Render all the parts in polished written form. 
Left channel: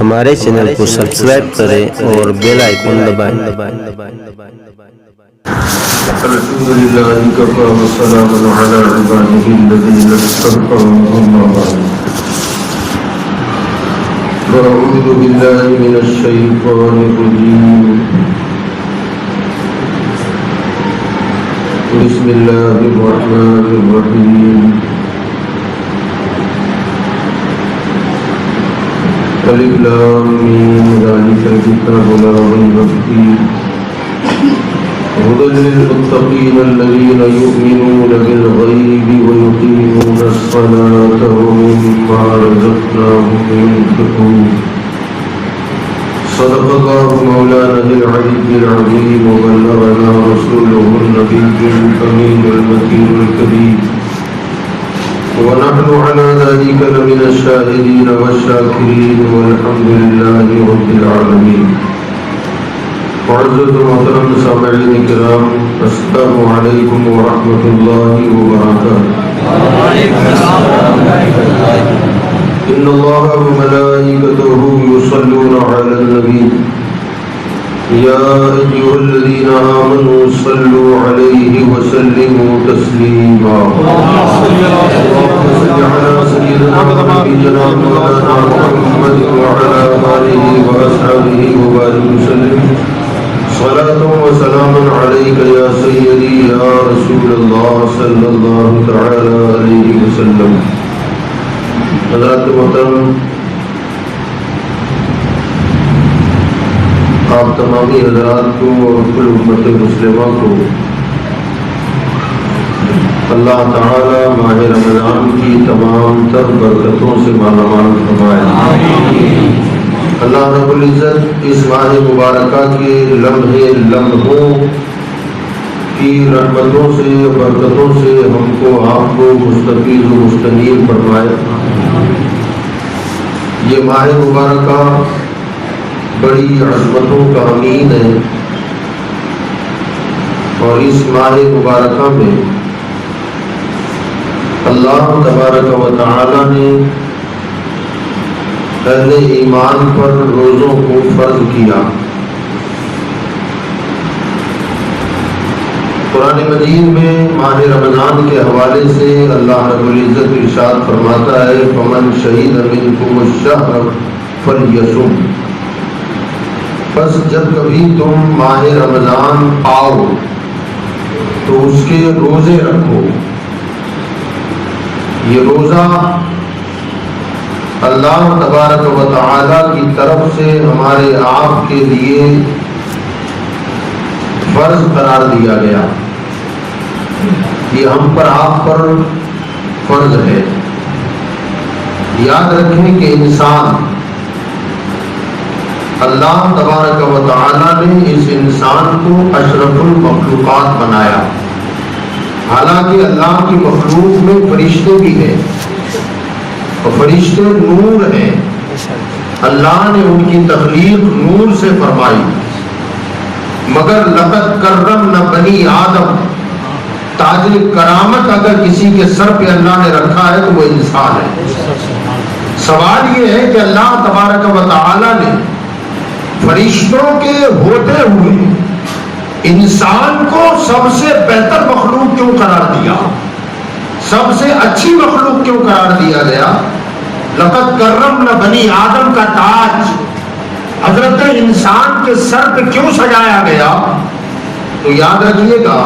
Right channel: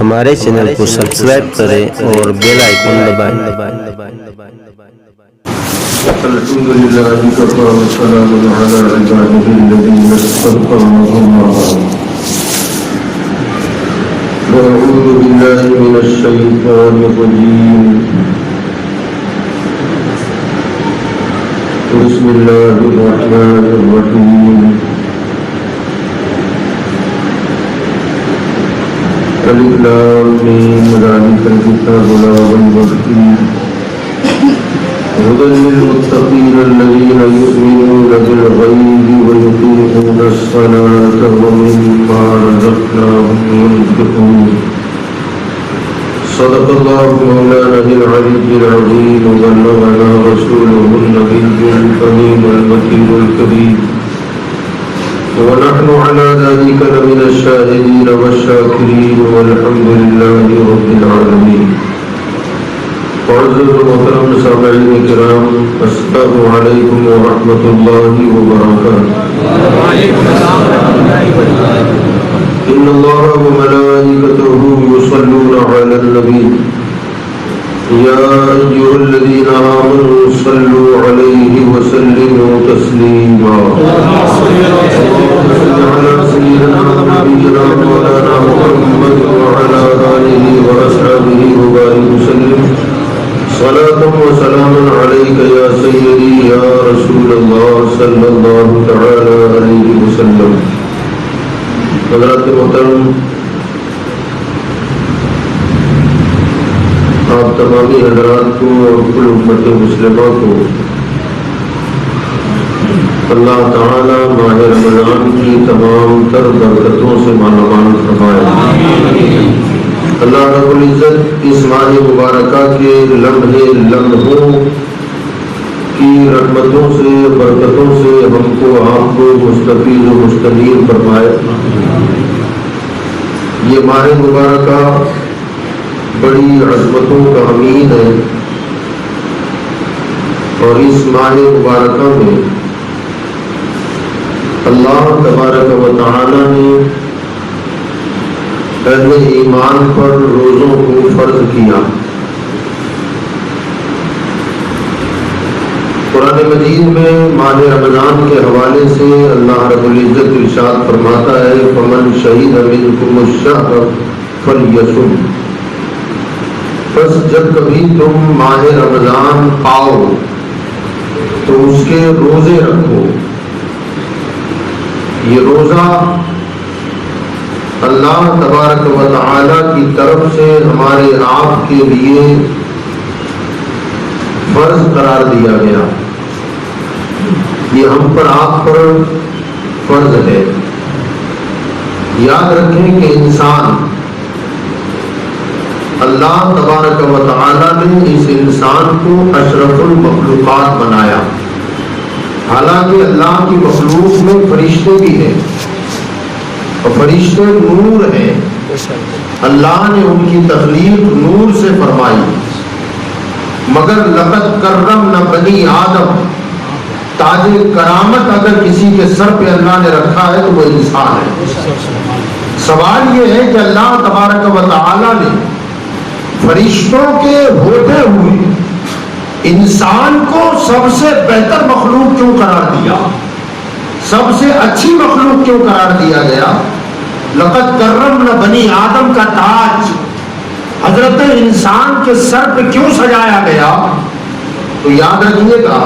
ہمارے چینل کو سبسکرائب کریں اور بیل آئیکن دبائیں۔ الحمد لله وكفى وسلام على عباده الذين اصطفى أما بعد فأعوذ بالله من الشيطان الرجيم بسم الله الرحمن الرحيم الف لام میم ذلك الكتاب لا ريب فيه هدى للمتقين الذين يؤمنون بالغيب ويقيمون الصلاة ومما رزقناهم ينفقون صدق الله مولانا العلي العظيم وبلغنا رسوله النبي الكريم المكين الكريم ونحن على ذلك لمن الشاهدين والشاكرين والحمد لله رب العالمين. معزز محترم سامعین کرام، السلام علیکم ورحمۃ اللہ وبرکاتہ. ان اللہ وملائکتہ یصلون علی النبی یا ایھا الذین آمنوا صلوا علیہ وسلموا تسلیما. اللهم صل علی سیدنا ونبینا مولانا محمد وعلی آلہ واصحابہ وبارک وسلم. صلاة وسلام عليك يا سيدي يا رسول الله صلى الله تعالى عليه وسلم. حضرات محترم، آپ تمامی حضرات کو اور کل امت مسلمہ کو اللہ تعالی ماہ رمضان کی تمام تر برکتوں سے مالامال فرمائے. اللہ رب العزت اس ماہ مبارکہ کے لمحوں کی رحمتوں سے برکتوں سے ہم کو آپ کو مستفید و مستنیر فرمائے. یہ ماہ مبارکہ بڑی عظمتوں کا امین ہے اور اس ماہ مبارکہ میں اللہ تبارک و تعالی نے اہل ایمان پر روزوں کو فرض کیا. قرآن مجید میں ماہ رمضان کے حوالے سے اللہ رب العزت ارشاد فرماتا ہے فمن شہید منکم الشہر فلیصم. بس جب کبھی تم ماہ رمضان آؤ تو اس کے روزے رکھو. یہ روزہ اللہ تبارک و تعالی کی طرف سے ہمارے آپ کے لیے فرض قرار دیا گیا. یہ ہم پر آپ پر فرض ہے. یاد رکھیں کہ انسان اللہ تبارک و تعالی نے اس انسان کو اشرف المخلوقات بنایا. حالانکہ اللہ کی مخلوق میں فرشتے بھی ہیں اور فرشتے نور ہیں. اللہ نے ان کی تخلیق نور سے فرمائی. مگر لقد کرمنا بنی آدم، تاج کرامت اگر کسی کے سر پہ اللہ نے رکھا ہے تو وہ انسان ہے. سوال یہ ہے کہ اللہ تبارک و تعالی نے فرشتوں کے ہوتے ہوئے انسان کو سب سے بہتر مخلوق کیوں قرار دیا، سب سے اچھی مخلوق کیوں قرار دیا گیا؟ لقد کرمنا بنی آدم کا تاج حضرت انسان کے سر پہ کیوں سجایا گیا؟ تو یاد رکھیے گا،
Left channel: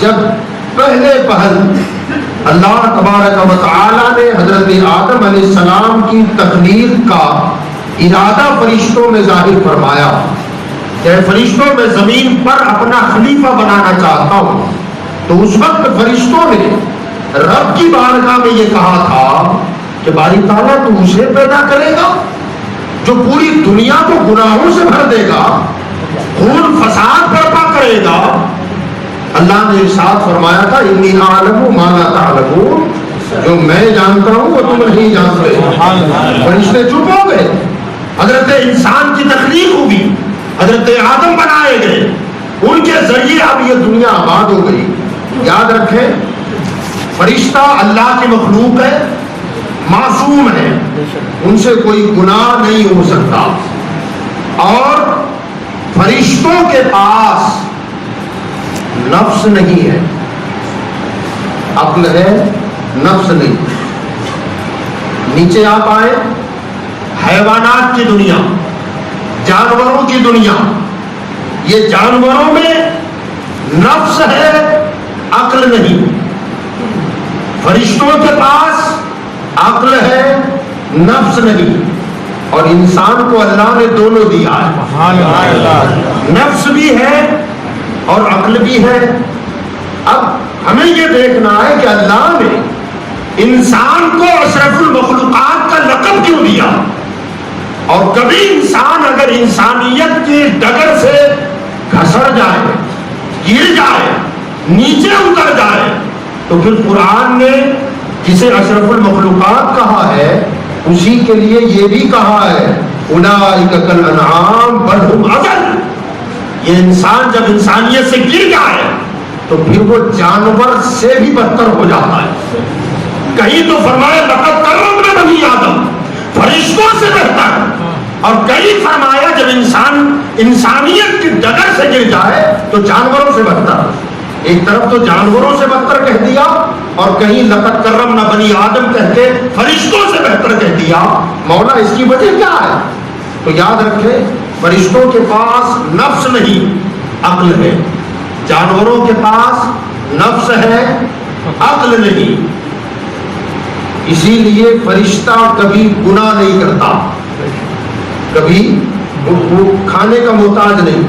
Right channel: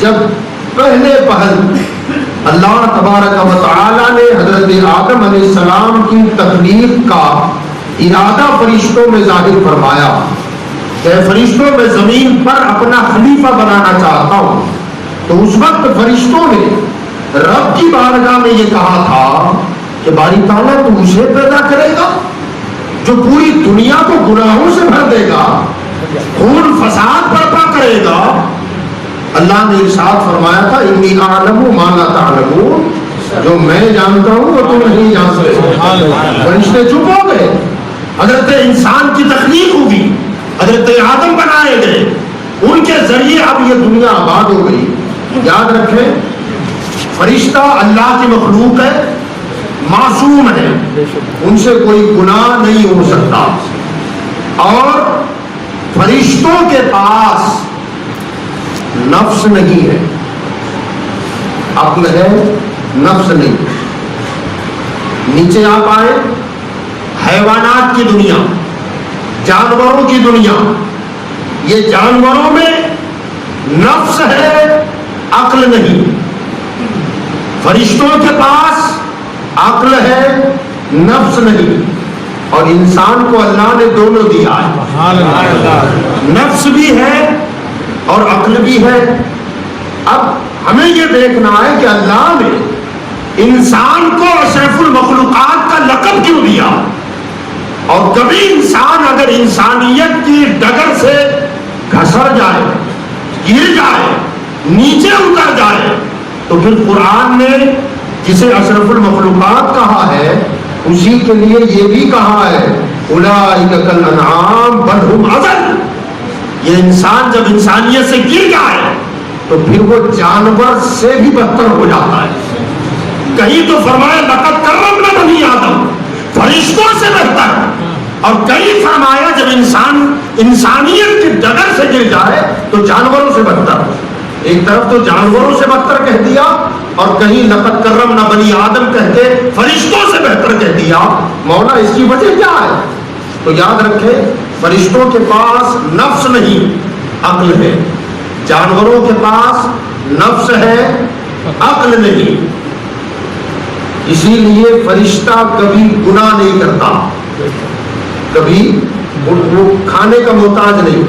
جب پہلے پہل اللہ تبارک و تعالی نے حضرت آدم علیہ السلام کی تخلیق کا ارادہ فرشتوں میں ظاہر فرمایا کہ فرشتوں میں زمین پر اپنا خلیفہ بنانا چاہتا ہوں، تو اس وقت فرشتوں نے رب کی بارگاہ میں یہ کہا تھا کہ باری تعالیٰ تو اسے پیدا کرے گا جو پوری دنیا کو گناہوں سے بھر دے گا، خون فساد برپا کرے گا. اللہ نے ارشاد فرمایا تھا انی اعلم ما لا تعلمون، جو میں جانتا ہوں وہ تم نہیں جانتے. فرشتے چپ ہو گئے. حضرت انسان کی تخلیق ہوگی، حضرت آدم بنائے گئے، ان کے ذریعے اب یہ دنیا آباد ہو گئی. یاد رکھیں فرشتہ اللہ کی مخلوق ہے، معصوم ہیں، ان سے کوئی گناہ نہیں ہو سکتا. اور فرشتوں کے پاس نفس نہیں ہے، عقل ہے نفس نہیں. نیچے آپ آئے، حیوانات کی دنیا، جانوروں کی دنیا، یہ جانوروں میں نفس ہے عقل نہیں. فرشتوں کے پاس عقل ہے نفس نہیں. اور انسان کو اللہ نے دونوں دیا ہے، نفس بھی ہے اور عقل بھی ہے. اب ہمیں یہ دیکھنا ہے کہ اللہ نے انسان کو اشرف المخلوقات کا لقب کیوں دیا. اور کبھی انسان اگر انسانیت کی ڈگر سے گھسر جائے، گر جائے، نیچے اتر جائے، تو پھر قرآن نے جسے اشرف المخلوقات کہا ہے اسی کے لیے یہ بھی کہا ہے اولئک کالانعام بل ھم اضل. یہ انسان جب انسانیت سے گر جائے تو پھر وہ جانور سے بھی بدتر ہو جاتا ہے. کہیں تو فرمایا لقد کرمنا بنی آدم، فرشتوں سے بہتر. اور کہیں فرمایا جب انسان انسانیت کی ڈگر سے گر جائے تو جانوروں سے بدتر. ایک طرف تو جانوروں سے بدتر کہہ دیا اور کہیں لقد کرمنا بنی آدم کہہ کے فرشتوں سے بہتر کہہ دیا. مولا اس کی وجہ کیا ہے؟ تو یاد رکھیں فرشتوں کے پاس نفس نہیں عقل ہے، جانوروں کے پاس نفس ہے عقل نہیں. اسی لیے فرشتہ کبھی گناہ نہیں کرتا، کبھی وہ کھانے کا محتاج نہیں.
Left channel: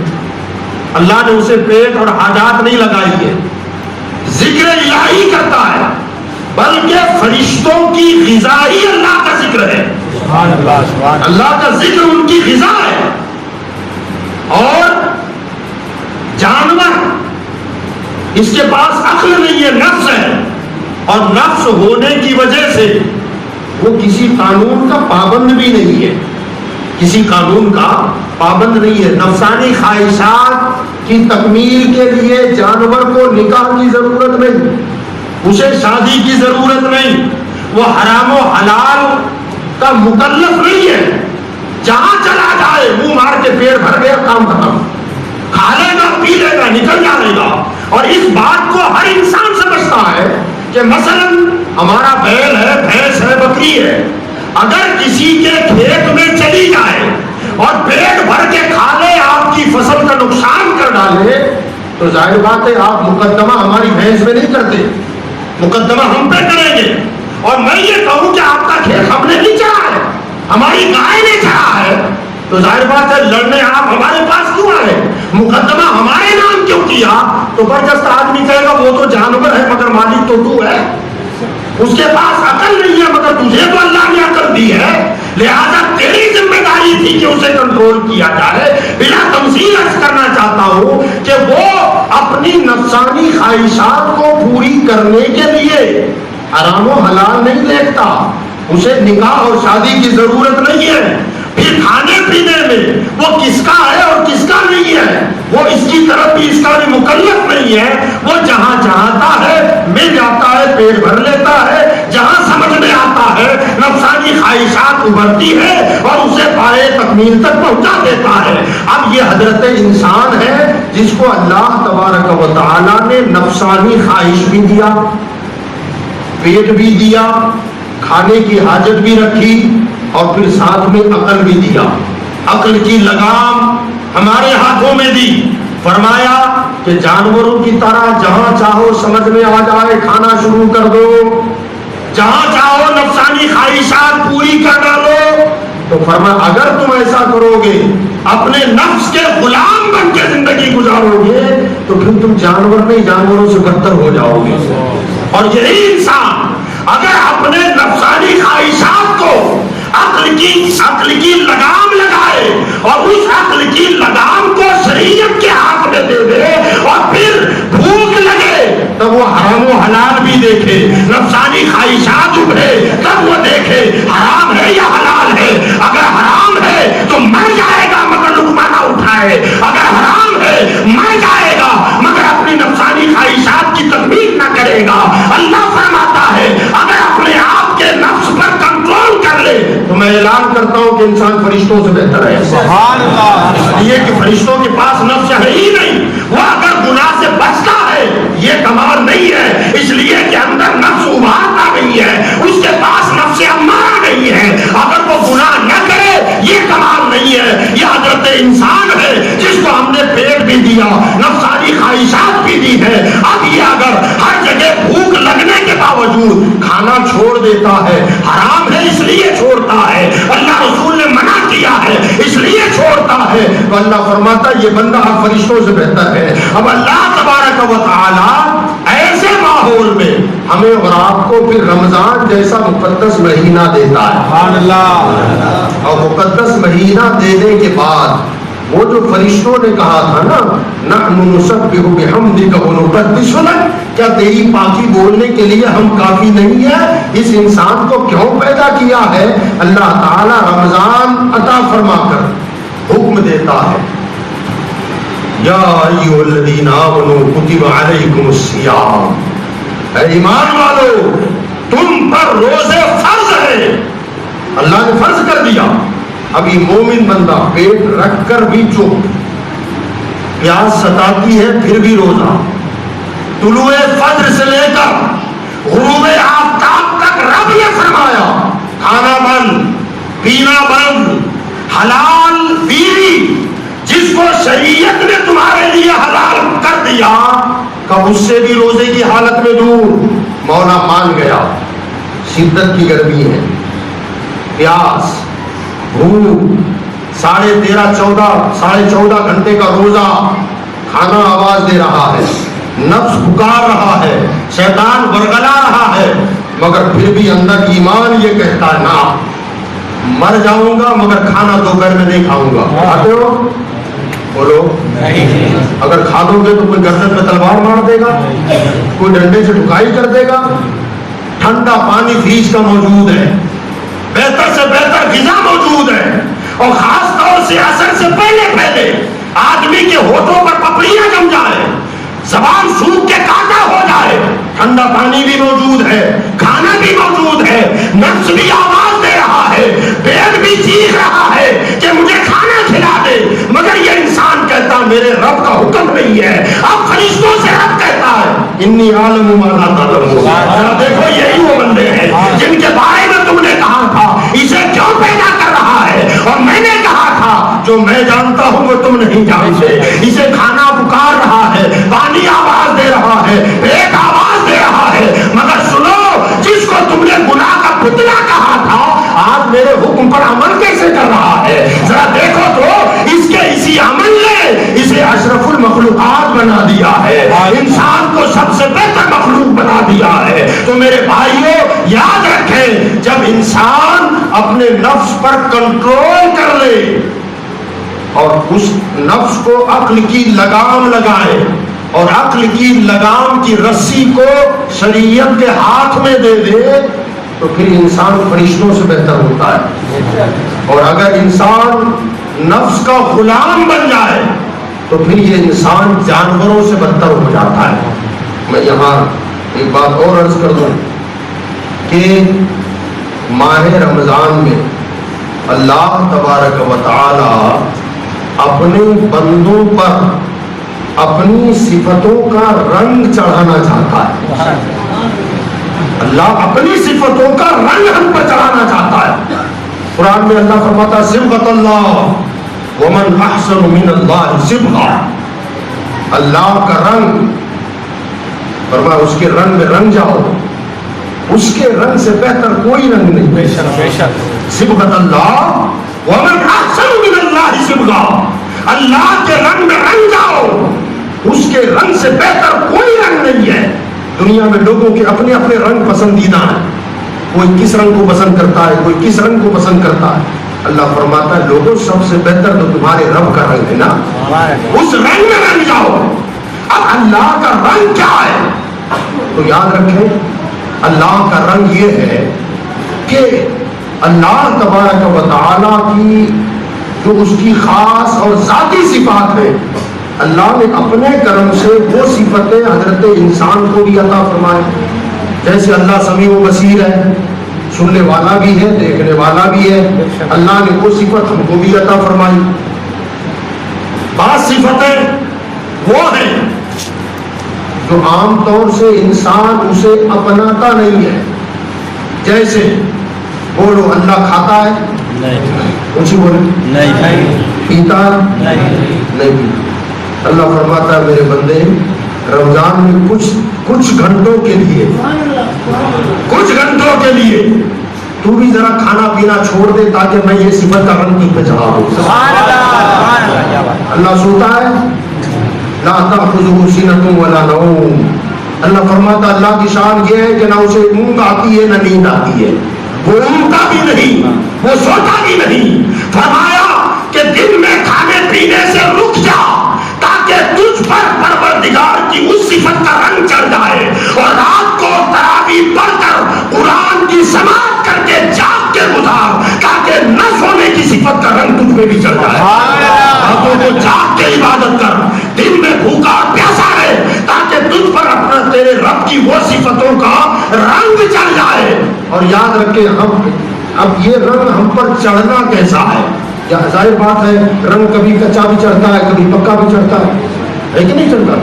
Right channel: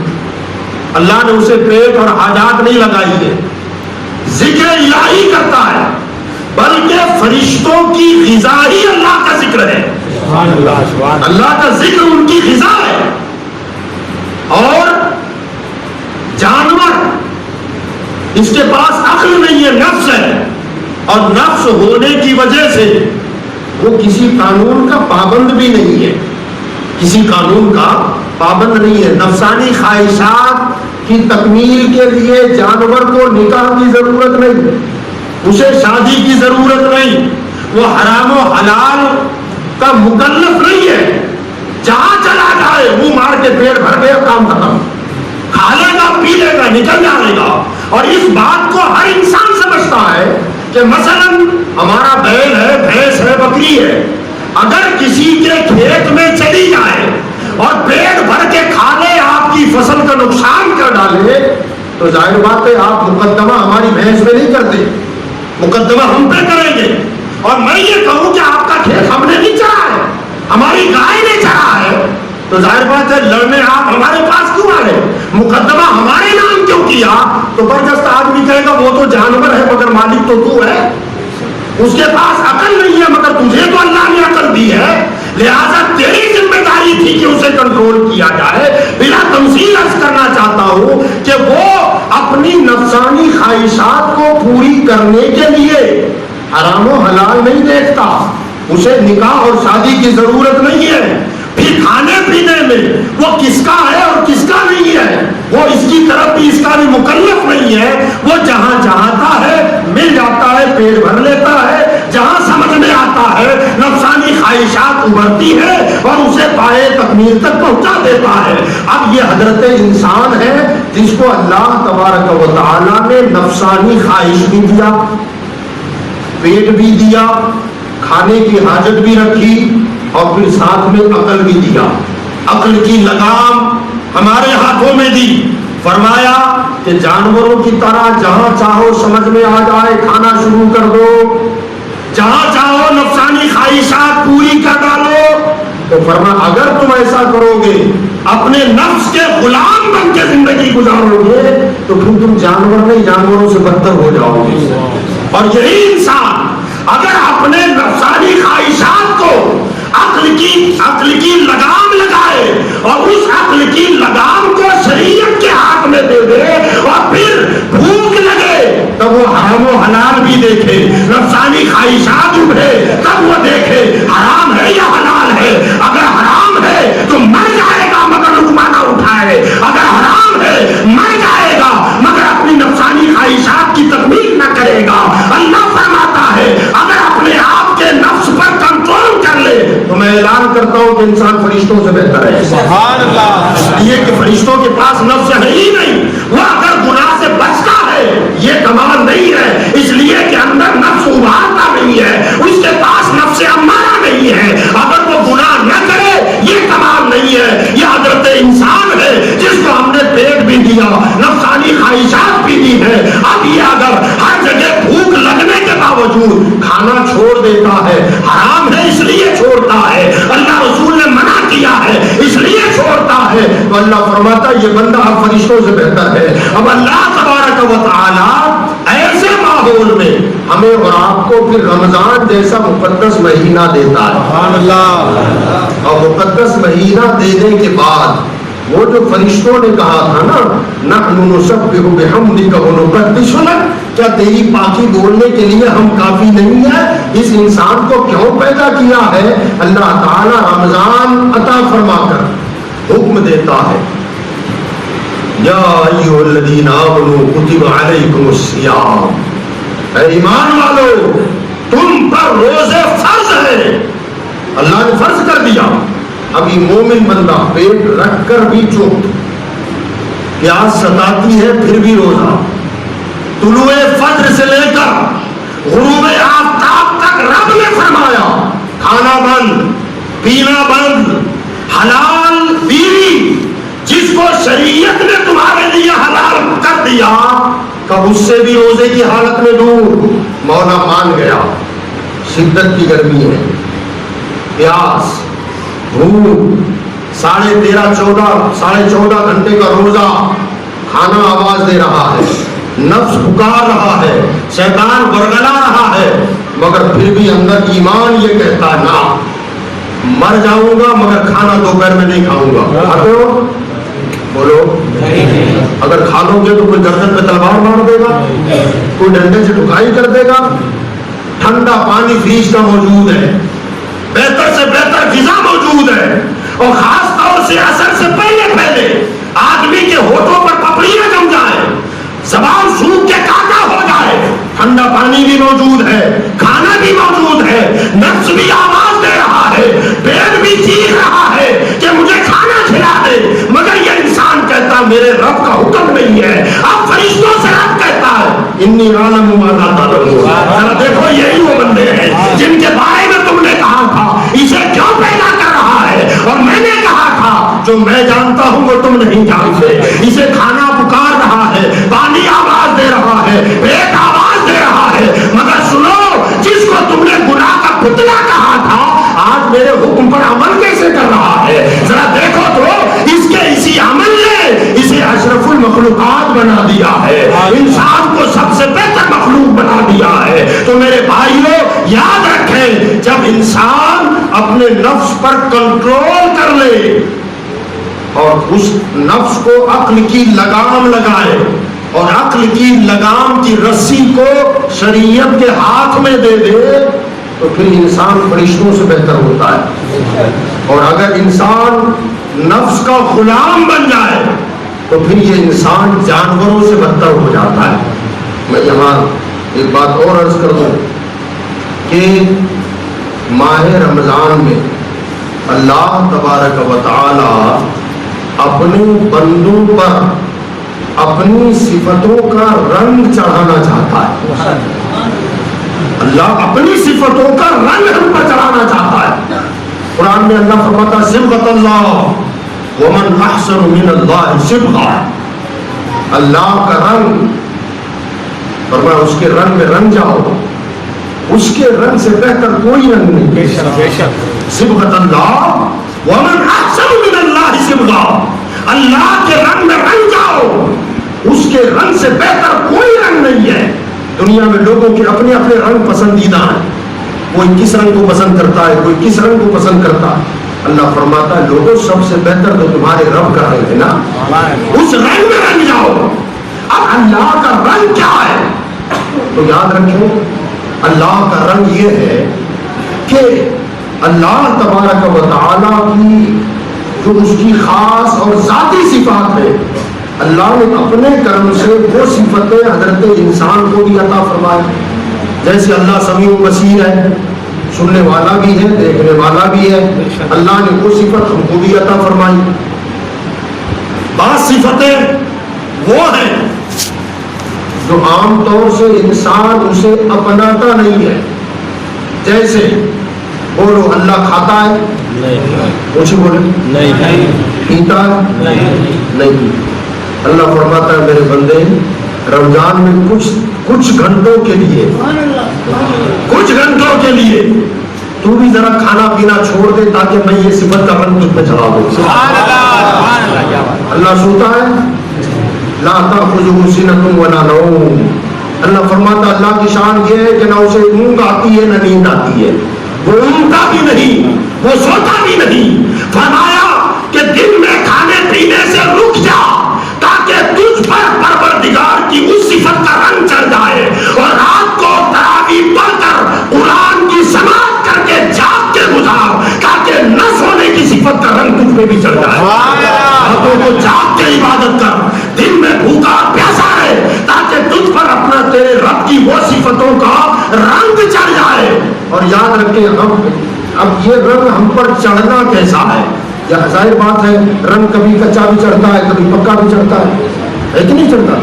اللہ نے اسے پیٹ اور حاجات نہیں لگائی ہے، ذکر الہی کرتا ہے. بلکہ فرشتوں کی غذا ہی اللہ کا ذکر ہے. اللہ کا ذکر ان کی غذا ہے. اور جانور اس کے پاس عقل نہیں ہے، نفس ہے. اور نفس ہونے کی وجہ سے وہ کسی قانون کا پابند بھی نہیں ہے، کسی قانون کا پابند نہیں ہے. نفسانی خواہشات کی تکمیل کے لیے جانور کو نکاح کی ضرورت نہیں، اسے شادی کی ضرورت نہیں، وہ حرام و حلال کا مکلف نہیں ہے. جہاں چلا جائے منہ مار کے پیٹ بھر گیا کام ختم، کھا لے گا پی لے گا نکل جائے گا. اور اس بات کو ہر انسان سمجھتا ہے کہ مثلا ہمارا بیل ہے، بھینس ہے، بکری ہے، اگر کسی کے کھیت میں چلی جائے اور پیٹ بھر کے کھا لے، آپ کی فصل کا نقصان کر ڈالے، تو ظاہر بات ہے آپ مقدمہ ہماری بھینس میں نہیں کرتے، مقدمہ ہم پہ کریں گے. اور میں یہ کہوں کہ آپ کا کھیت ہم نے نہیں چرا ہے، ہماری گائے نے چرا ہے، تو ظاہر بات ہے لڑنے آپ ہمارے پاس کیوں آئے، مقدمہ ہمارے نام کیوں کیا. تو زبردست آدمی کہے گا وہ تو جانور ہے مگر مالک تو ہے، اس کے پاس عقل نہیں ہے مگر تجھے تو اللہ نے عقل دی ہے، لہذا تیری ذمہ داری تھی کہ اسے کنٹرول کیا جائے. بلا تمثیل عرض کرنا چاہتا ہوں کہ وہ اپنی نفسانی خواہشات کو پوری کرنے کے لیے حرام و حلال نہیں دیکھتا، اسے نکاح اور شادی کی ضرورت نہیں ہے. پھر کھانے پینے میں وہ کس کا ہے اور کس کا نہیں ہے، وہ اس کی طرف بھی اس کا بھی مکلف نہیں ہے. وہ جہاں چاہتا ہے مل جاتا ہے، پیٹ بھر لیتا ہے، جہاں سمجھ میں آتا ہے نفسانی خواہشات ابھرتی ہے اور اسے پائے تکمیل تک پہنچا دیتا ہے. اب یہ حضرت انسان ہے جس کو اللہ تبارک و تعالی نے نفسانی خواہش بھی دیا، پیٹ بھی دیا، کھانے کی حاجت بھی رکھی، اور پھر ساتھ میں عقل بھی دیا. عقل کی لگام ہمارے ہاتھوں میں دی. فرمایا کہ جانوروں کی طرح جہاں چاہو سمجھ میں آ جائے کھانا شروع کر دو، جہاں چاہو نفسانی خواہشات پوری کر ڈالو. تو فرمایا اگر تم ایسا کرو گے، اپنے نفس کے غلام بن کے زندگی گزارو گے، تو پھر تم جانور نہیں جانوروں سے بدتر ہو جاؤ گے. اور یہی انسان اگر اپنے نفسانی خواہشات کو عقل کی لگام لگائے اور اس عقل کی لگام کو شریعت کے ہاتھ میں دے دے اور پھر بھوک لگے تب وہ حرام و حلال بھی دیکھے، نفسانی خواہشات ابھرے تب وہ دیکھے حرام ہے یا حلال ہے. اگر حرام ہے تو مر جائے گا مگر لقمہ نہ اٹھائے، اگر حرام ہے مر جائے گا مگر اپنی نفسانی خواہشات کی تکمیل نہ کرے گا. اللہ فرماتا ہے اگر اپنے آپ کے نفس پر کہ انسان فرشتوں سے بہتر ہے؟ سبحان اللہ۔ یہ کہ فرشتوں کے پاس نفس ہے ہی نہیں، وہ اگر گناہ سے بچتا ہے یہ کمال نہیں ہے، اس لیے کہ اندر نفس ابھارتا نہیں ہے، اس کے پاس نفس امارہ نہیں ہے، اگر وہ گناہ نہ کرے یہ کمال نہیں ہے۔ یہ حضرت انسان ہے جس کو ہم نے پیٹ بھی دیا، نفسانی خواہشات بھی دی ہے، اب یہ اگر ہر جگہ بھوک لگنے کے باوجود کھانا چھوڑ دیتا ہے، حرام ہے اس لیے چھوڑتا ہے، اللہ رسول نے منع کیا ہے اس لیے چھوڑتا ہے، تو اللہ فرماتا ہے یہ بندہ اب فرشتوں سے بہتر ہے۔ اب اللہ تبارک و تعالی ایسے ماحول میں ہمیں اور آپ کو پھر رمضان جیسا مقدس مہینہ دیتا ہے، سبحان اللہ۔ اور مقدس مہینہ دینے کے بعد وہ جو فرشتوں نے کہا تھا نا نحن نسبح بحمدک ونقدس لک، کیا تیری پاکی بولنے کے لیے ہم کافی نہیں ہیں؟ اس انسان کو کیوں پیدا کیا ہے؟ اللہ تعالی رمضان عطا فرما کر حکم دیتا ہے، یا ایھا الذین آمنوا کتب علیکم الصیام، اے ایمان والو تم پر روزے فرض ہیں، اللہ نے فرض کر دیا۔ اب یہ مومن بندہ پیٹ رکھ کر بھی چپ، پیاس ستاتی ہے پھر بھی روزہ، طلوع فجر سے لے کر غروب آفتاب تک رب نے فرمایا کھانا بند، پینا بند، حلال بیوی جس کو شریعت نے تمہارے لیے حلال کر دیا، کب اس سے بھی روزے کی حالت میں دور۔ مولا مان گیا، شدت کی گرمی ہے، پیاس، بھوک، 13.5 گھنٹے کا روزہ، کھانا آواز دے رہا ہے، نفس پکار رہا ہے، شیطان برگلا رہا ہے، مگر پھر بھی اندر ایمان یہ کہتا ہے نا مر جاؤں گا مگر کھانا دوپہر میں نہیں کھاؤں گا۔ تو بولو اگر کھا لو گے تو کوئی گردن پہ تلوار مار دے گا، کوئی ڈنڈے سے ٹھکائی کر دے گا، ٹھنڈا پانی فریج کا موجود ہے، بہتر سے بہتر غذا موجود ہے، اور خاص طور سے عصر سے پہلے آدمی کے ہونٹوں پر پپڑیاں جم جائے، زبان سوکھ کے کاٹا ہو جائے، ٹھنڈا پانی بھی موجود ہے، کھانا بھی موجود ہے، نفس بھی آواز دے رہا ہے، پیٹ بھی چیخ رہا ہے کہ مجھے کھانا کھلا دے، مگر یہ انسان کہتا ہے میرے رب کا حکم نہیں ہے۔ اب فرشتوں سے رب کہتا ہے انی عالم ما لا تعلمون، ذرا دیکھو یہی وہ بندے ہیں جن کے بارے میں تم نے کہا تھا اسے کیوں پیدا کر رہا ہے، اور میں نے کہا تھا جو میں جانتا ہوں وہ تم نہیں جانتے، اسے کھانا پکار رہا ہے، پانی آواز دے رہا ہے، پیٹ آواز دے رہا ہے، مگر سنو جس کو تم نے گناہ کا پتلا کہا تھا آج میرے حکم پر عمل کیسے کر رہا ہے؟ ذرا دیکھو تو اس کے اسی عمل نے اسے اشرف المخلوقات بنا دیا ہے، انسان کو سب سے بہتر مخلوق بنا دیا ہے۔ تو میرے بھائیوں یاد رکھیں جب انسان اپنے نفس پر کنٹرول کر لے اور اس نفس کو عقل کی لگام لگائے اور عقل کی لگام کی رسی کو شریعت کے ہاتھ میں دے دے تو پھر انسان فرشتوں سے بہتر ہوتا ہے، اور اگر انسان نفس کا غلام بن جائے تو پھر یہ انسان جانوروں سے بدتر ہو جاتا ہے۔ میں یہاں ایک بات اور عرض کر دوں کہ ماہ رمضان میں اللہ تبارک و تعالی اپنے بندوں پر اپنی صفتوں کا رنگ چڑھانا چاہتا ہے، اللہ اپنی صفتوں کا رنگ ہم پر چڑھانا چاہتا ہے۔ قرآن میں اللہ فرماتا ہے صبغۃ اللہ ومن احسن من اللہ صبغہ، اللہ کا رنگ، فرمایا اس کے رنگ میں رنگ جاؤ، اس کے رنگ سے بہتر کوئی رنگ نہیں۔ بے شک بے شک، صبغۃ اللہ ومن احسن من اللہ صبغہ، اللہ کے رنگ میں رنگ جاؤ، اس کے رنگ سے بہتر کوئی رنگ نہیں ہے۔ دنیا میں لوگوں کے اپنے اپنے رنگ پسندیدہ ہیں، کوئی کس رنگ کو پسند کرتا ہے، کوئی کس رنگ کو پسند کرتا ہے۔ اللہ فرماتا ہے لوگوں سب سے بہتر تو تمہارے رب کا رنگ ہے نا، اس رنگ میں رنگ جاؤ۔ اب اللہ کا رنگ کیا ہے تو یاد رکھیں اللہ کا رنگ یہ ہے کہ اللہ تبارک و تعالیٰ کی جو اس کی خاص اور ذاتی صفات ہے، اللہ نے اپنے کرم سے وہ صفتیں حضرت انسان کو بھی عطا فرمائے، جیسے اللہ سمیع و بصیر ہے، سننے والا بھی ہے، دیکھنے والا بھی ہے. اللہ نے وہ صفت ہم کو بھی عطا فرمائی. بعض صفتیں وہ ہیں جو عام طور سے انسان اسے اپناتا نہیں ہے. جیسے بولو اللہ کھاتا ہے، اونچی بولے، نہیں پیتا نہیں. اللہ فرماتا ہے میرے بندے رمضان میں کچھ گھنٹوں کے لیے تو بھی ذرا کھانا پینا چھوڑ دے تاکہ میں یہ صفت کا رنگ تجھ پہ چڑھا دوں. سبحان اللہ کیا بات. اللہ سوتا ہے، لا تأخذہ سنۃ ولا نوم. اللہ فرماتا ہے اللہ کی شان یہ ہے کہ نہ اسے اونگ آتی ہے نہ نیند آتی ہے. وہ اونگتا بھی نہیں، وہ سوتا بھی نہیں. فرمایا کہ دن میں کھانے پینے سے رک جا تاکہ تجھ پر پروردگار کی اس صفت کا رنگ چڑھ جائے، اور رات کو تراویح پڑھ کر قرآن کی سماعت کر کے جاگ کے گزار تاکہ نہ سونے کی صفت کا رنگ تجھ پہ بھی چڑھ جائے. راتوں کو جاگ کے عبادت کر، دن میں بھوکا پیاسا رہے تاکہ تجھ پر اپنا تیرے رب کی وہ صفتوں کا رنگ چڑھ جائے. اور یاد رکھیں اب یہ رنگ ہم پر چڑھنا کیسا ہے. ظاہر بات ہے رنگ کبھی کچا بھی چڑھتا ہے کبھی پکا بھی چڑھتا ہے کہ نہیں چڑھتا.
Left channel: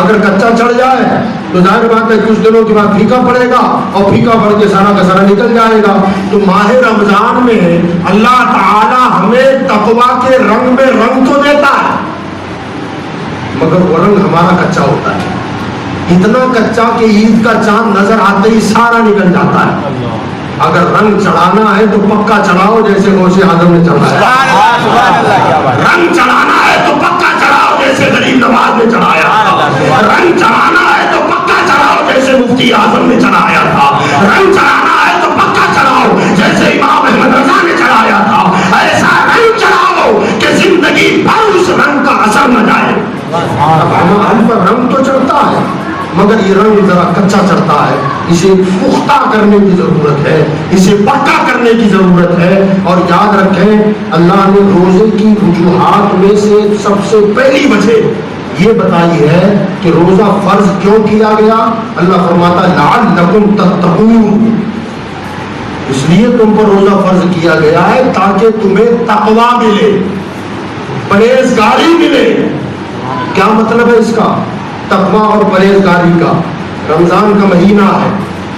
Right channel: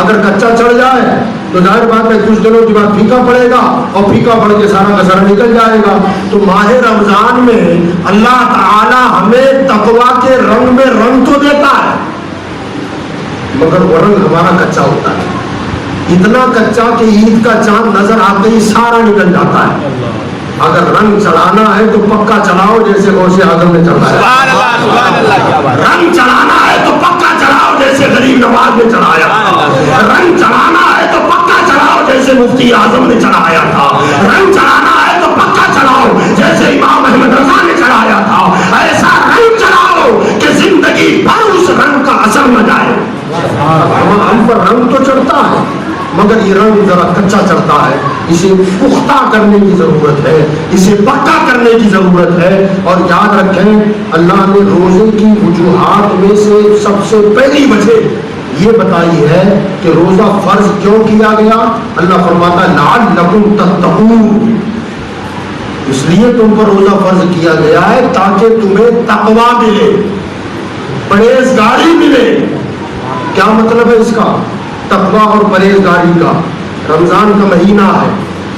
اگر کچا چڑھ جائے تو ظاہر بات ہے کچھ دنوں کے بعد پھیکا پڑے گا اور پھیکا پڑ کے سارا کا سارا نکل جائے گا. تو ماہ رمضان میں اللہ تعالی ہمیں تقویٰ کے رنگ میں رنگ تو دیتا ہے مگر وہ رنگ ہمارا کچا ہوتا ہے. اتنا کچا کہ عید کا چاند نظر آتے ہی سارا نکل جاتا ہے. اگر رنگ چڑھانا ہے تو پکا چڑھاؤ جیسے غوث اعظم نے چڑھایا. سبحان اللہ کیا بات. رنگ چڑھانا ہے تو پکا چڑھاؤ جیسے غریب نواز نے چڑھایا. رنگ چڑھانا ہے تو پکا چڑھاؤ جیسے مفتی اعظم نے چڑھایا تھا. رنگ چڑھانا ہے تو پکا چڑھاؤ جیسے امام احمد رضا نے چڑھایا تھا. ایسا رنگ چڑھاؤ کہ زندگی بھر اس رنگ کا اثر نہ جائے. ہم پر رنگ تو چڑھتا ہے مگر یہ رنگ ذرا کچا چڑھتا ہے. اسے پختہ کرنے کی ضرورت ہے، اسے پکا کرنے کی ضرورت ہے. اور یاد رکھیں اللہ نے روزے کی وجوہات میں سے سب سے پہلی وجہ یہ بتائی ہے کہ روزہ فرض کیوں کیا گیا. اللہ فرماتا ہے لعلکم تتقون، اس لیے تم پر روزہ فرض کیا گیا ہے تاکہ تمہیں تقویٰ ملے، پرہیزگاری ملے. کیا مطلب ہے اس کا؟ تقویٰ اور پرہیزگاری کا. رمضان کا مہینہ ہے،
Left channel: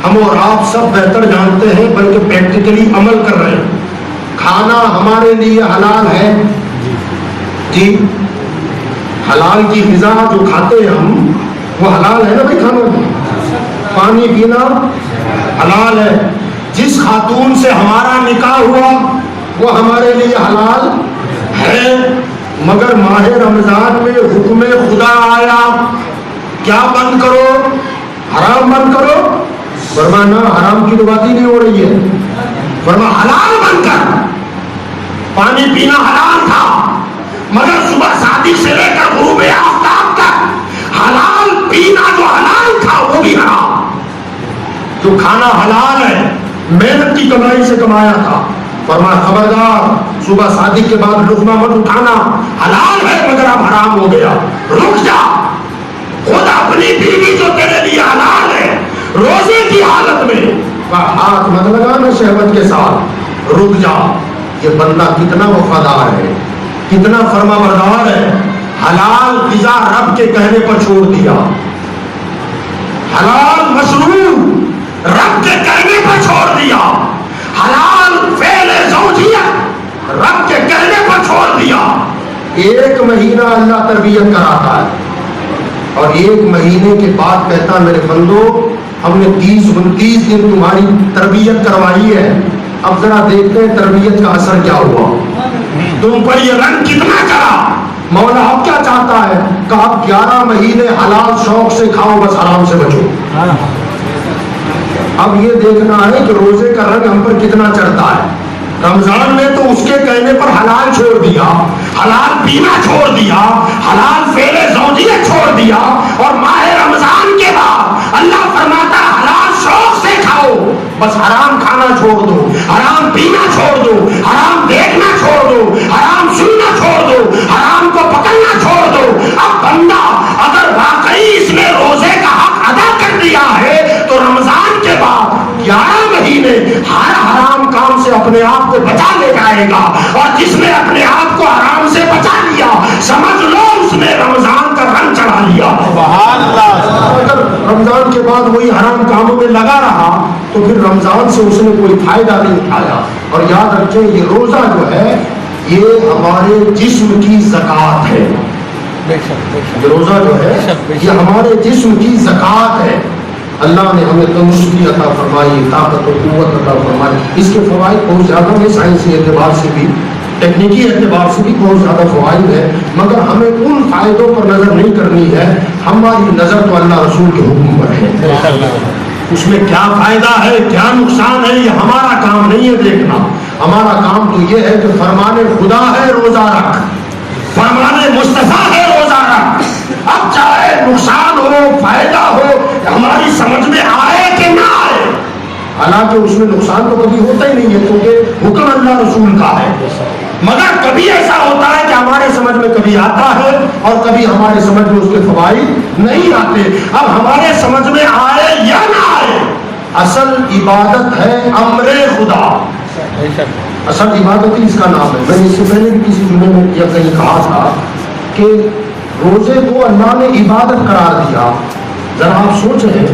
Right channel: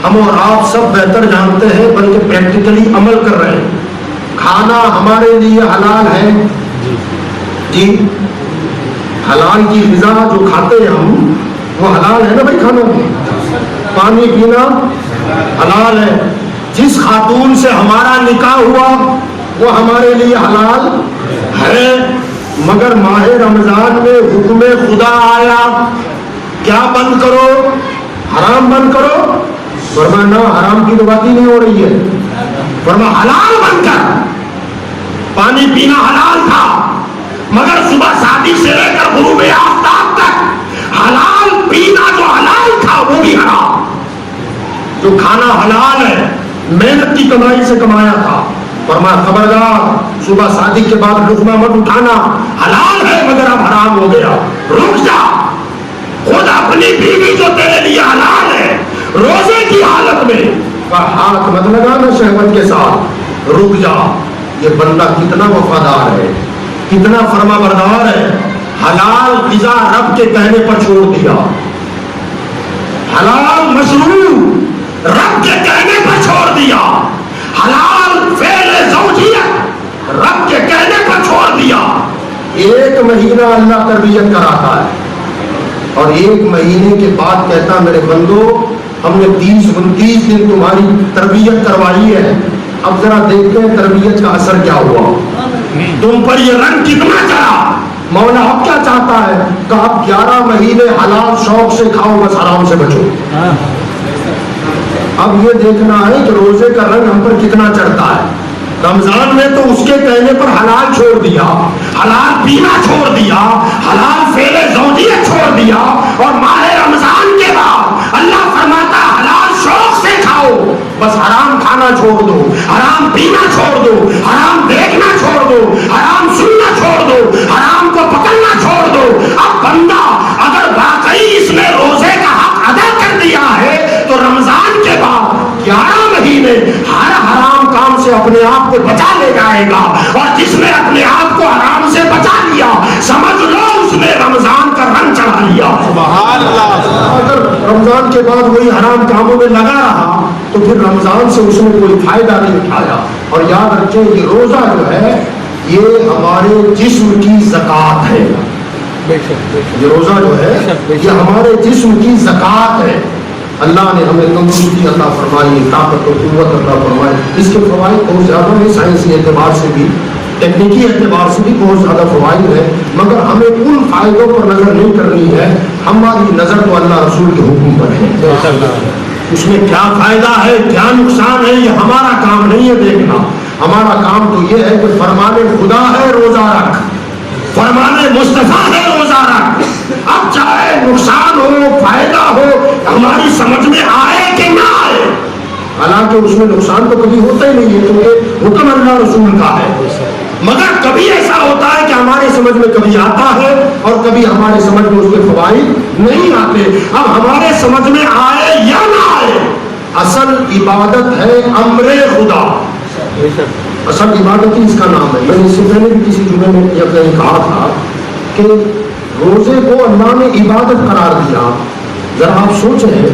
ہم اور آپ سب بہتر جانتے ہیں بلکہ پریکٹیکلی عمل کر رہے ہیں. کھانا ہمارے لیے حلال ہے جی، حلال کی غذا جو کھاتے ہیں ہم وہ حلال ہے نا بھائی. کھانا پانی پینا حلال ہے. جس خاتون سے ہمارا نکاح ہوا وہ ہمارے لیے حلال ہے. مگر ماہ رمضان میں حکم خدا آیا کیا بند کرو؟ حرام بند کرو. فرمایا نہ حرام کی تو بات ہی نہیں ہو رہی ہے. فرمایا حلال بند کر. پانی پینا حلال تھا مگر صبح صادق سے لے کر غروب آفتاب تک حلال پینا جو حلال تھا وہ بھی حرام. جو کھانا حلال ہے محنت کی کمائی سے کمایا تھا. فرمایا خبردار صبح صادق کے بعد لقمہ مت اٹھانا، حلال ہے مگر اب حرام ہو گیا. رک جا. خود اپنی بیوی جو تیرے لیے حلال ہے روزے کی حالت میں ہاتھ مت لگانا شہوت کے ساتھ. رک جا. یہ بندہ کتنا وفادار ہے، کتنا فرما بردار ہے. حلال غذا رب کے کہنے پر چھوڑ دیا، حلال مشروب رب کے کہنے پر چھوڑ دیا، حلال فعل زوجیت رب کے کہنے پر چھوڑ دیا. ایک مہینہ اللہ تربیت کراتا ہے اور ایک مہینے کے بعد کہتا میرے بندو ہم نے 30-29 دن تمہاری تربیت کروائی ہے، اب ذرا دیکھتے ہیں تربیت کا اثر کیا ہوا، تم پر یہ رنگ کتنا چڑھا. مولا اب کیا چاہتا ہے کہ آپ 11 مہینے حلال شوق سے کھاؤ بس حرام سے بچو. اب یہ دیکھنا ہے کہ روزے کا رنگ ہم پر کتنا چڑھتا ہے. رمضان میں تو اس کے کہنے پر حلال چھوڑ دیا، حلال پینا چھوڑ دیا، حلال فعل زوجیت چھوڑ دیا، اور ماہ رمضان کے بعد اللہ فرماتا ہے حلال شوق سے کھاؤ بس حرام کھانا چھوڑ دو، حرام پینا چھوڑ دو، حرام دیکھنا چھوڑ دو، حرام سننا چھوڑ دو، حرام کو پکڑنا چھوڑ دو. اب بندہ اگر واقعی اس نے روزے کا حق ادا کر دیا ہے تو رمضان کے بعد 11 مہینے اور جس نے اپنے آپ کو حرام سے بچا لیا سمجھ لو اس نے رمضان کا رنگ چڑھا لیا. سبحان اللہ. اگر رمضان کے بعد وہی حرام کاموں میں لگا رہا تو پھر رمضان سے اس نے کوئی فائدہ نہیں اٹھایا. اور یاد رکھیں یہ روزہ جو ہے یہ ہمارے جسم کی زکوٰۃ ہے. یہ روزہ جو ہے یہ ہمارے جسم کی زکوٰۃ ہے. اللہ نے ہمیں تندرستی عطا فرمائی, طاقت و قوت عطا فرمائی. اس کے فوائد بہت زیادہ ہیں, سائنسی اعتبار سے بھی ٹیکنیکی اعتبار سے بھی بہت زیادہ فوائد ہیں, مگر ہمیں ان فائدوں پر نظر نہیں کرنی ہے. ہماری نظر تو اللہ رسول کے حکم پر ہے. اس میں کیا فائدہ ہے کیا نقصان ہے یہ ہمارا کام نہیں ہے دیکھنا. ہمارا کام تو یہ ہے کہ فرمان خدا ہے روزہ رکھ, فرمان مصطفیٰ ہے روزہ رکھ. اب چاہے نقصان ہو فائدہ ہو ہماری سمجھ میں آئے کہ نہ آئے, حالانکہ اس میں نقصان تو کبھی ہوتا ہی نہیں ہے کیونکہ حکم اللہ رسول کا ہے. مگر کبھی ایسا ہوتا ہے کہ ہمارے سمجھ میں کبھی آتا ہے اور کبھی ہمارے سمجھ میں اس کے فوائد نہیں آتے. اب ہمارے سمجھ میں آئے یا نہ آئے, اصل عبادت ہے امر خدا. اصل عبادت ہی اس کا نام ہے. میں نے اس سے پہلے بھی کسی جمعے میں کہیں کہا تھا کہ روزے کو اللہ نے عبادت قرار دیا. ذرا آپ سوچیں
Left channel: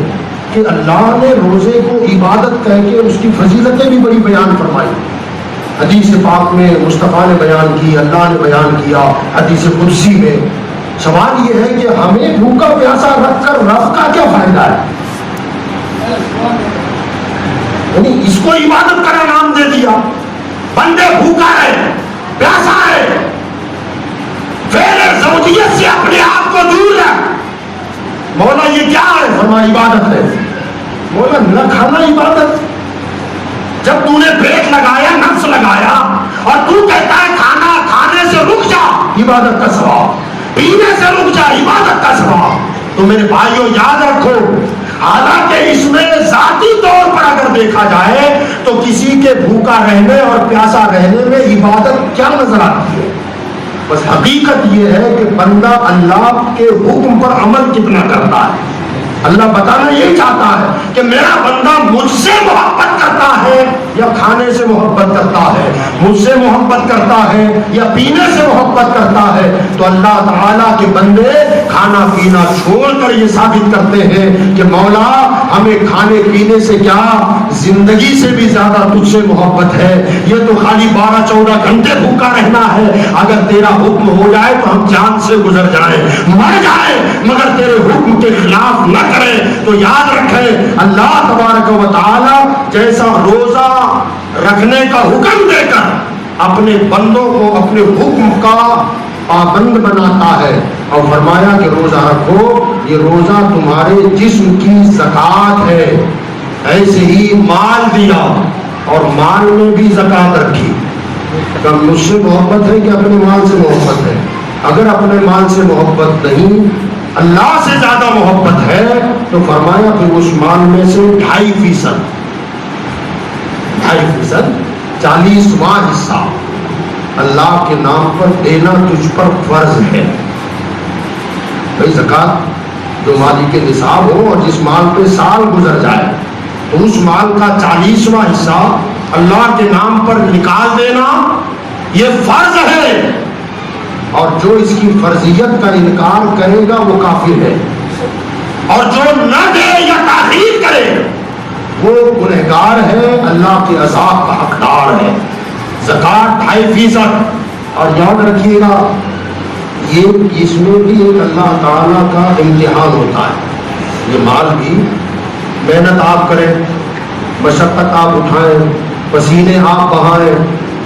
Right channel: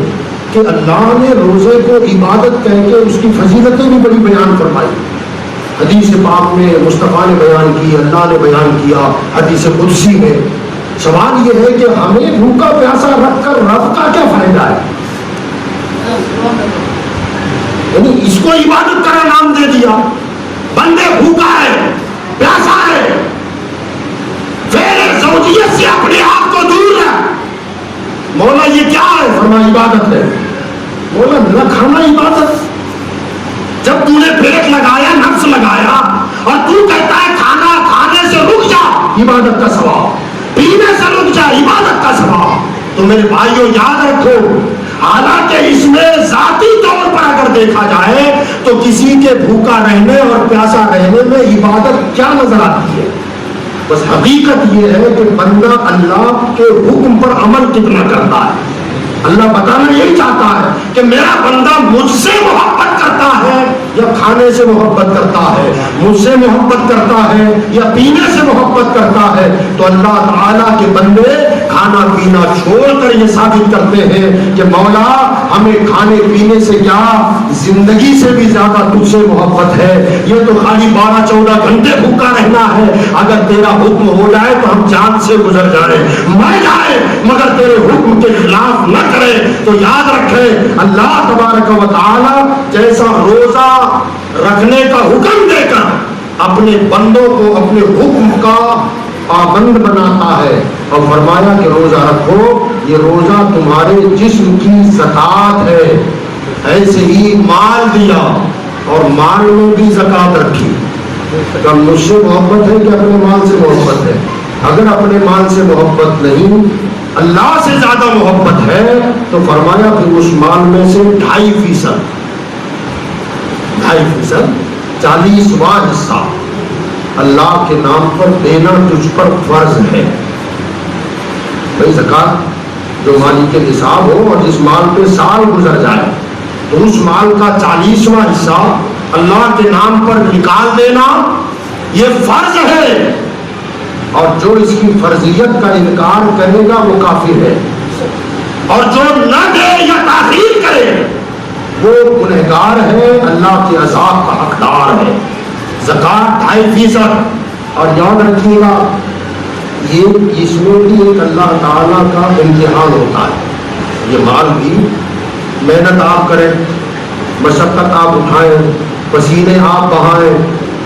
کہ اللہ نے روزے کو عبادت کہہ کے اس کی فضیلتیں بھی بڑی بیان فرمائی. حدیث پاک میں مصطفیٰ نے بیان کی, اللہ نے بیان کیا, حدیث قدسی میں. سوال یہ ہے کہ ہمیں بھوکا پیاسا رکھ کر رب کا کیا فائدہ ہے؟ یعنی اس کو عبادت کا نام دے دیا. بندے بھوکا ہے پیاسا ہے, پھر زوجیت سے اپنے آپ کو دور ہے. مولا یہ کیا ہے؟ فرمایا عبادت ہے. مولا نہ کھانا عبادت. جب تو نے پیٹ لگایا نفس لگایا اور تو کہتا ہے کھانا کھانے سے رک جا عبادت کا ثواب, پینے سے رک جا عبادت کا ثواب. تو میرے بھائیوں یاد رکھو حالانکہ اس میں ذاتی طور پر اگر دیکھا جائے تو کسی کے بھوکا رہنے اور پیاسا رہنے میں عبادت کیا نظر آتی ہے؟ بس حقیقت یہ ہے کہ بندہ اللہ کے حکم پر عمل کتنا کرتا ہے. اللہ بتانا یہی چاہتا ہے کہ میرا بندہ مجھ سے محبت کرتا ہے یا کھانے سے محبت کرتا ہے, مجھ سے محبت کرتا ہے یا پینے سے محبت کرتا ہے. تو اللہ تعالیٰ کے بندے کھانا پینا چھوڑ کر یہ ثابت کرتے ہیں کہ مولا ہمیں کھانے پینے سے کیا زندگی سے بھی زیادہ تجھ سے محبت ہے. یہ تو خالی 12-14 گھنٹے بھوکا رہنا ہے, اگر تیرا حکم ہو جائے تو ہم جان سے گزر جائیں مر جائیں, مگر تیرے حکم کے خلاف نہ کرے. تو یاد رکھیں اللہ تبارک و تعالی جیسا روزہ رکھنے کا حکم دے کر اپنے بندوں کو اپنے حکم کا پابند بناتا ہے اور فرمایا کہ روزہ رکھو, یہ روزہ تمہارے جسم کی زکوٰۃ ہے. ایسے ہی مال دیا اور مال میں بھی زکوٰۃ رکھی. تو مجھ سے محبت ہے کہ اپنے مال سے محبت ہے؟ اگر اپنے مال سے محبت نہیں اللہ سے زیادہ محبت ہے تو فرمایا کہ اس مال میں سے 2.5% 40واں حصہ اللہ کے نام پر دینا تجھ پر فرض ہے. بھائی زکوٰۃ جو مالک کے نصاب ہو اور جس مال پہ سال گزر جائے تو اس مال کا 40واں حصہ اللہ کے نام پر نکال دینا یہ فرض ہے. اور جو اس کی فرضیت کا انکار کرے گا وہ کافر ہے, اور جو نہ دے یا تاخیر کرے وہ گنہگار ہے, اللہ کے عذاب کا حقدار ہے. زکوٰۃ 2.5%. اور یاد رکھیے گا یہ اس میں بھی ایک اللہ تعالیٰ کا امتحان ہوتا ہے. یہ مال بھی محنت آپ کریں, مشقت آپ اٹھائیں, پسینے آپ بہائیں,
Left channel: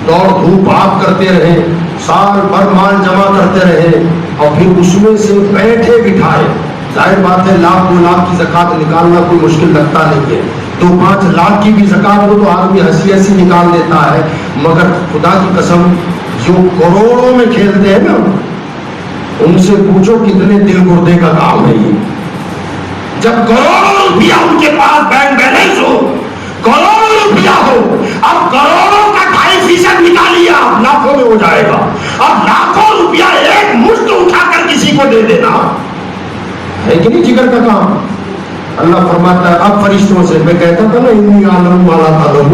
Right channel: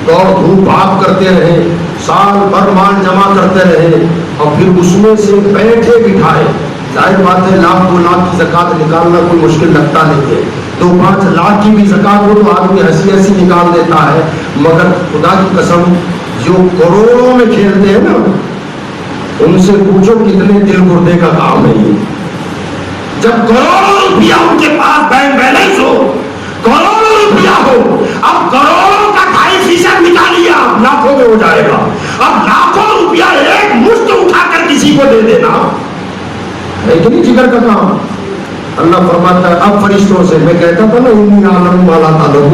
دوڑ دھوپ آپ کرتے رہیں, سال بھر مال جمع کرتے رہے اور پھر اس میں سے بیٹھے بٹھائے. ظاہر بات ہے 1,00,000 2 لاکھ کی زکوٰۃ نکالنا کوئی مشکل لگتا نہیں ہے. 2-5 لاکھ کی بھی زکوٰۃ ہو تو آدمی ہنسی ہنسی نکال دیتا ہے, مگر خدا کی قسم جو کروڑوں میں کھیلتے ہیں نا ان سے پوچھو کتنے دل گردے کا کام ہے یہ. جب کروڑوں روپیہ ان کے پاس بینک بیلنس ہو, کروڑوں روپیہ ہو, اب کروڑوں کا 2.5% نکالیے آپ لاکھوں میں ہو جائے گا. اب لاکھوں روپیہ ایک مشت اٹھا کر کسی کو دے دینا ہے کہ نہیں جگر کا کام. اللہ فرماتا ہے اب فرشتوں سے، میں کہتا تھا نا انی عالم والا تعلق،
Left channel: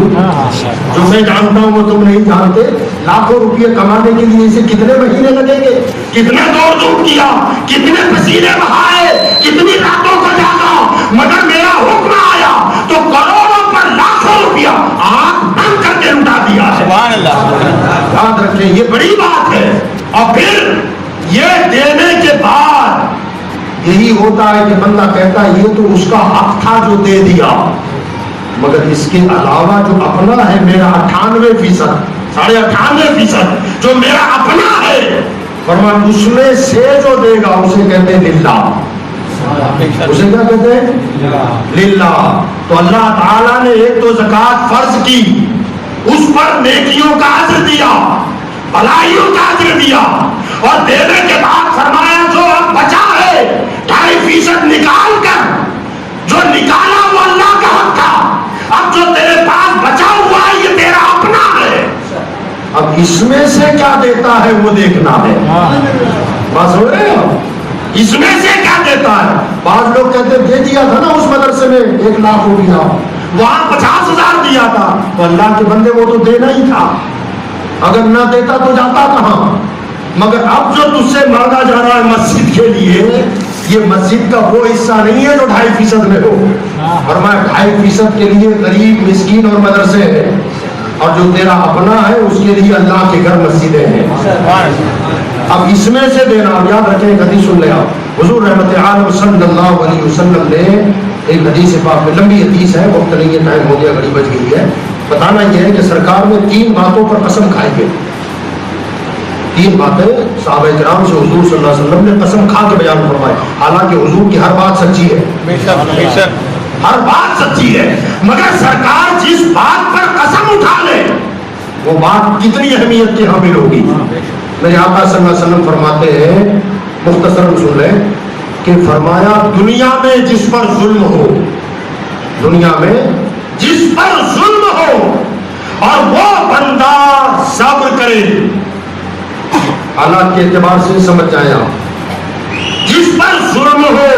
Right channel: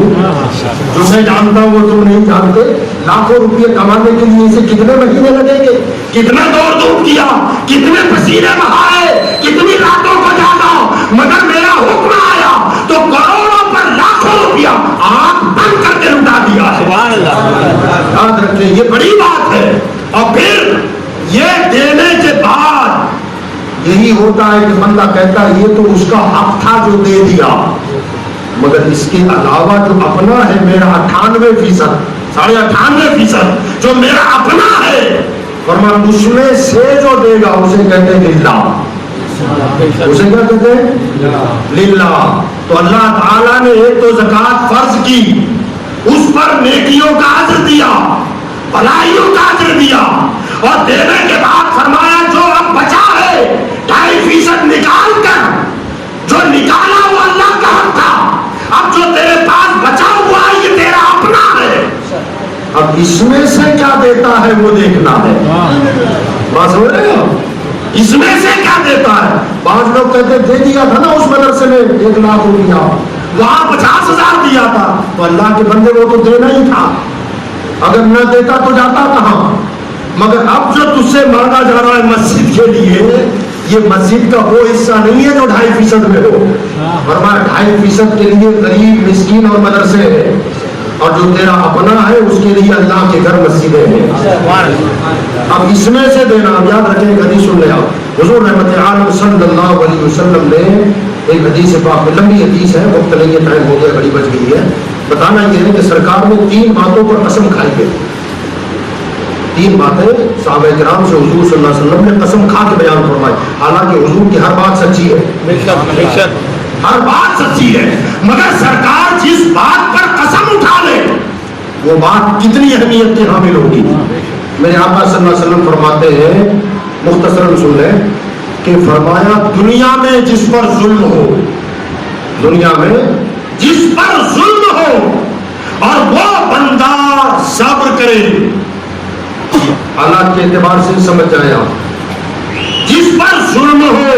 جو میں جانتا ہوں وہ تم نہیں جانتے، لاکھوں روپے کمانے کے لیے اسے کتنے مہینے لگیں گے، کتنے دوڑ دھوپ کیا، کتنے پسینے بہائے، کتنی راتوں کو جاگا، مگر میرا حکم آیا تو کروڑوں پر لاکھوں روپیہ آنکھ بند کر کے لٹا دیا ہے۔ سبحان اللہ، یاد رکھیں یہ بڑی بات ہے۔ اور پھر یہ دینے کے بعد یہی ہوتا ہے کہ بندہ کہتا ہے یہ تو اس کا حق تھا جو دے دیا، مگر اس کے علاوہ جو اپنا ہے میرا 98%، 98.5% جو میرا اپنا ہے، فرمایا اس میں سے جو دے گا اسے کہتے ہیں للہ، اسے کیا کہتے ہیں للہ۔ تو اللہ تعالیٰ نے ایک تو زکوٰۃ فرض کی، اس پر نیکیوں کا اجر دیا، بھلائیوں کا اجر دیا، اور دینے کے بعد فرمایا جو اب بچا ہے 2.5% نکال کر، جو نکالا وہ اللہ کا حق تھا، اب جو تیرے پاس بچا ہوا ہے یہ تیرا اپنا ہے، اب اس میں سے کیا دیتا ہے وہ دیکھنا ہے۔ بات سمجھ رہے ہو؟ اس میں سے کیا دیتا ہے؟ بعض لوگ کہتے دے دیا تھا نا اس مدرسے میں 1 لاکھ ہو گیا، وہاں 50,000 دیا تھا، تو اللہ کے بندے وہ تو دینا ہی تھا، اگر نہ دیتا تو جاتا کہاں؟ مگر اب جو تجھ سے مانگا جا رہا ہے مسجد کے لیے، یہ مسجد کا وہ حصہ نہیں ہے جو 2.5% میں ہو، فرمایا 2.5% کے لیے غریب مسکین اور مدرسے ہیں، اور جو تیرا اپنا ہے اس کے لیے اللہ کے گھر مسجدیں ہیں۔ اب اس میں سے دینا، یاد رکھیں ایک حدیث سن لیا، حضور رحمت عالم صلی اللہ علیہ وسلم نے ایک حدیث پاک، لمبی حدیث ہے، وقت نہیں ہے، ٹائم ہو گیا، گھڑی بج گئی ہے، بتانا یہ ہے کہ سرکار نے 3 باتوں پر قسم کھائی ہے، 3 باتیں صحابہ کرام سے حضور صلی اللہ علیہ وسلم نے قسم کھا کے بیان فرمائی، حالانکہ حضور کی ہر بات سچی ہے، ہر بات سچی ہے، مگر سرکار جس بات پر قسم اٹھا لے وہ بات کتنی اہمیت کی حامل ہوگی۔ میرے آقا صلی اللہ علیہ وسلم فرماتے ہیں، مختصراً سن لیں، کہ فرمایا دنیا میں جس پر ظلم ہو، دنیا میں جس پر ظلم ہو اور وہ بندہ صبر کرے، حالات کے اعتبار سے سمجھ جائیں آپ، جس پر ظلم ہو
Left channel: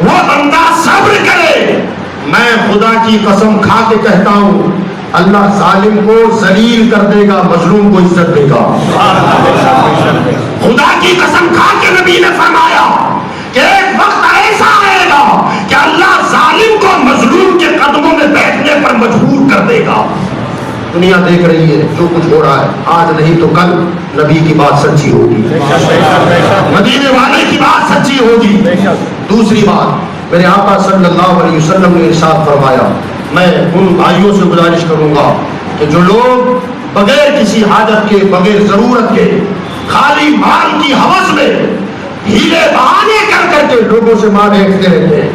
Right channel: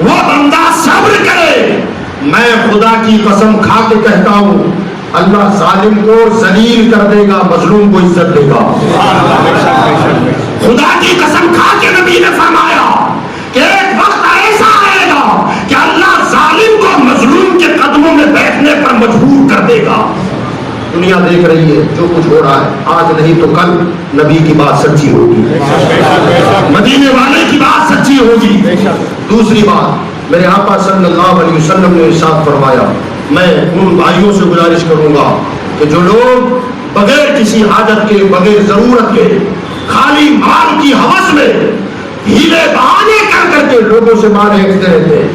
وہ بندہ صبر کرے، میں خدا کی قسم کھا کے کہتا ہوں اللہ ظالم کو ذلیل کر دے گا، مظلوم کو عزت دے گا۔ خدا کی قسم کھا کے نبی نے فرمایا کہ ایک وقت ایسا آئے گا کہ اللہ ظالم کو مظلوم کے قدموں میں بیٹھنے پر مجبور کر دے گا۔ دنیا دیکھ رہی ہے جو کچھ ہو رہا ہے، آج نہیں تو کل نبی کی بات سچی ہوگی، مدینے والے کی بات سچی ہوگی۔ دوسری بات، میرے آقا صلی اللہ علیہ وسلم نے ارشاد فرمایا، میں ان بھائیوں سے گزارش کروں گا کہ جو لوگ بغیر کسی حاجت کے، بغیر ضرورت کے، خالی مال کی ہوس میں ہیلے بہانے کر کے لوگوں سے مال اینٹتے رہتے ہیں،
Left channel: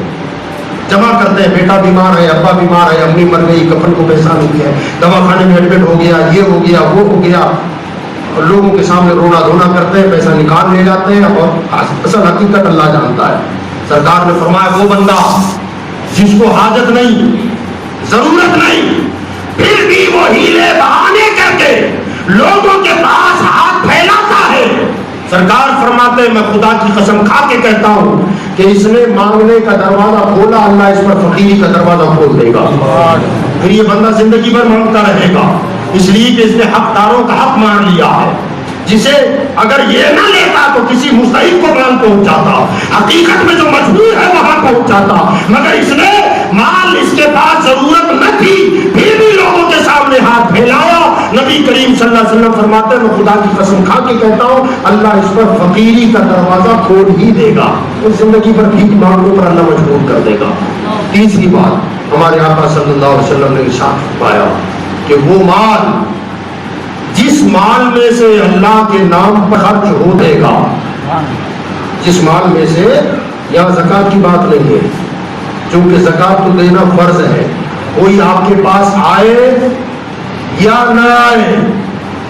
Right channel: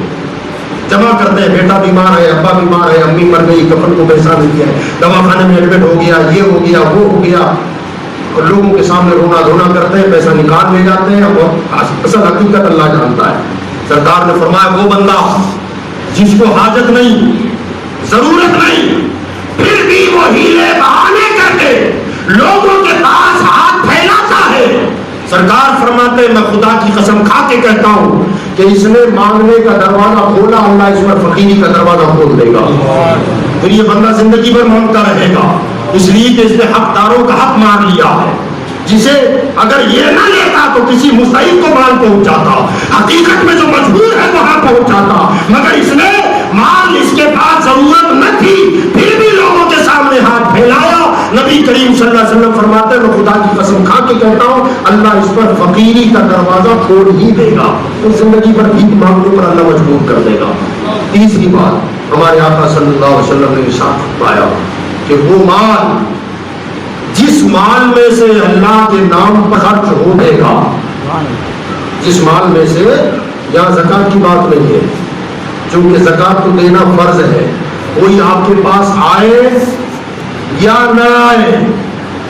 جمع کرتے ہیں، بیٹا بیمار ہے، ابا بیمار ہے، امی مر گئی، کفن کو پیسہ نہیں کیا، دوا خانے میں ایڈمٹ ہو گیا، یہ ہو گیا، وہ ہو گیا، اور لوگوں کے سامنے رونا دھونا کرتے ہیں، پیسہ نکال لے جاتے ہیں، اور اصل حقیقت اللہ جانتا ہے۔ سرکار نے فرمایا وہ بندہ جس کو حاجت نہیں، ضرورت نہیں، پھر بھی وہ ہیلے بہانے کر کے لوگوں کے پاس ہاتھ پھیلاتا ہے، سرکار فرماتے ہیں میں خدا کی قسم کھا کے کہتا ہوں کہ اس نے مانگنے کا دروازہ کھولا، اللہ اس پر فقیری کا دروازہ کھول دے گا، پھر یہ بندہ زندگی بھر مانگتا رہے گا، اس لیے کہ اس نے حقداروں کا حق مان لیا ہے، جسے اگر یہ نہ لیتا تو کسی مستحق کو مال پہنچ جاتا، حقیقت میں جو مجبور ہے وہاں پہنچ جاتا، مگر اس نے مال اس کے پاس ضرورت نہ تھی پھر بھی لوگوں کے سامنے ہاتھ پھیلایا۔ نبی کریم صلی اللہ علیہ وسلم فرماتے ہیں میں خدا کی قسم کھا کے کہتا ہوں اللہ اس پر فقیری کا دروازہ کھول ہی دے گا، اس زندگی پر بھیک مانگنے پر اللہ مجبور کر دے گا۔ تیسری بات، ہمارے آقا صلی اللہ علیہ وسلم نے ارشاد فرمایا کہ وہ مال جس مال میں سے اللہ کے نام پر خرچ ہو دے گا، جس مال میں سے، یہاں زکوٰۃ کی بات نہیں ہے چونکہ زکوٰۃ تو دینا فرض ہے، کوئی آپ کے پاس آئے یا نہ آئے،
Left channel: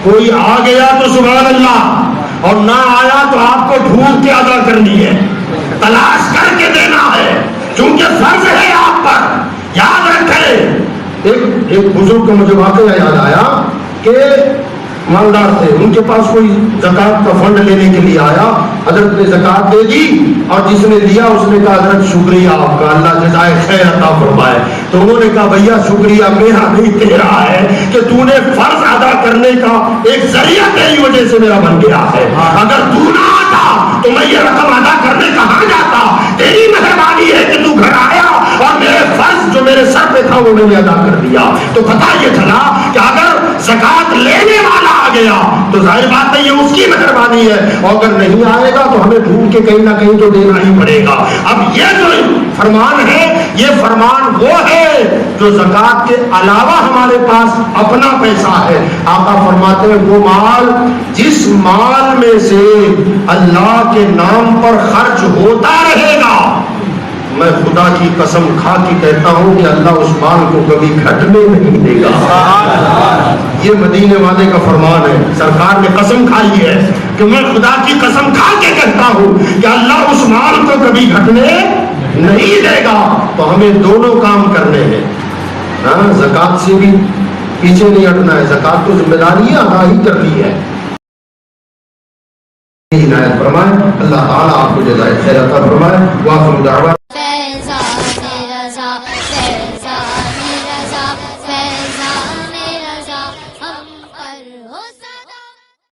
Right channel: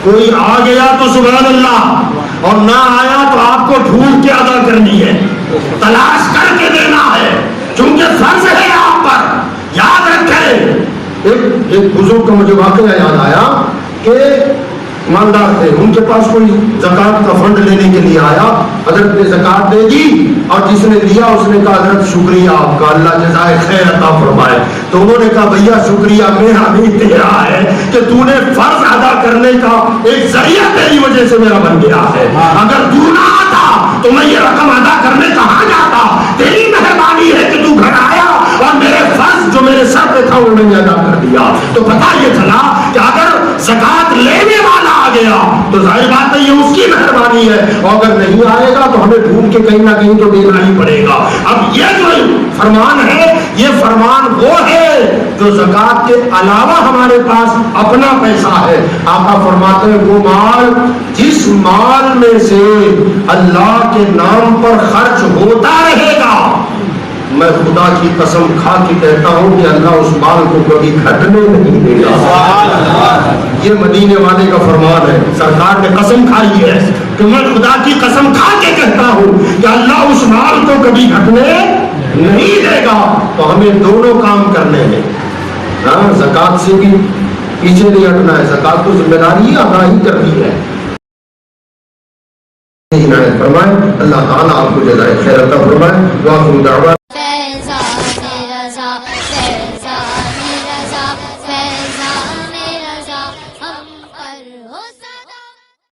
کوئی آ گیا تو سبحان اللہ، اور نہ آیا تو آپ کو ڈھونڈ کے ادا کرنی ہے، تلاش کر کے دینا ہے، چونکہ فرض ہے آپ پر۔ یاد رکھیں، ایک بزرگ کا مجھے واقعہ یاد آیا کہ مالدار تھے, ان کے پاس کوئی زکات کا فنڈ لینے کے لیے آیا, حضرت نے زکات دے دی اور جس نے لیا اس نے کہا حضرت شکریہ آپ کا, اللہ جزائے خیر عطا فرمائے. تو انہوں نے کہا بھیا شکریہ میرا نہیں تیرا ہے کہ تو نے فرض ادا کرنے کا ایک ذریعہ تیری وجہ سے میرا بن گیا ہے. اگر تو نہ آتا تو میں یہ رقم ادا کرنے کہاں جاتا. تیری مہربانی ہے کہ تو گھر آیا اور میرے فرض جو میرے سر پہ تھا وہ میں نے ادا کر دیا. تو پتہ یہ چلا کہ اگر زکات لینے والا آ گیا تو ظاہر بات ہے یہ اس کی مہربانی ہے, اور اگر نہیں آئے گا تو ہمیں ڈھونڈ کے کہیں نہ کہیں تو دینا ہی پڑے گا. اب یہ جو فرمان ہے یہ فرمان وہ ہے جو زکات کے علاوہ ہمارے پاس اپنا پیسہ ہے. آقا فرماتے ہیں وہ مال جس مال میں سے اللہ کے نام پر خرچ ہوتا رہے گا, میں خدا کی قسم کھا کے کہتا ہوں کہ اللہ اس مال کو کبھی گھٹنے نہیں دے گا. یہ مدینے والے کا فرمان ہے, سرکار نے قسم کھائی ہے کہ میں خدا کی قسم کھا کے کہتا ہوں کہ اللہ اس مال کو کبھی گھٹنے نہیں دے گا. تو ہمیں دونوں کام کرنے ہیں. ہاں, زکات سے بھی پیچھے نہیں ہٹنا ہے, زکات کو ذمہ داری ادا ہی کرنی ہے. عنایت فرمائے اللہ تعالیٰ آپ کو جزائے خیر عطا فرمائے. وآخر دعوانا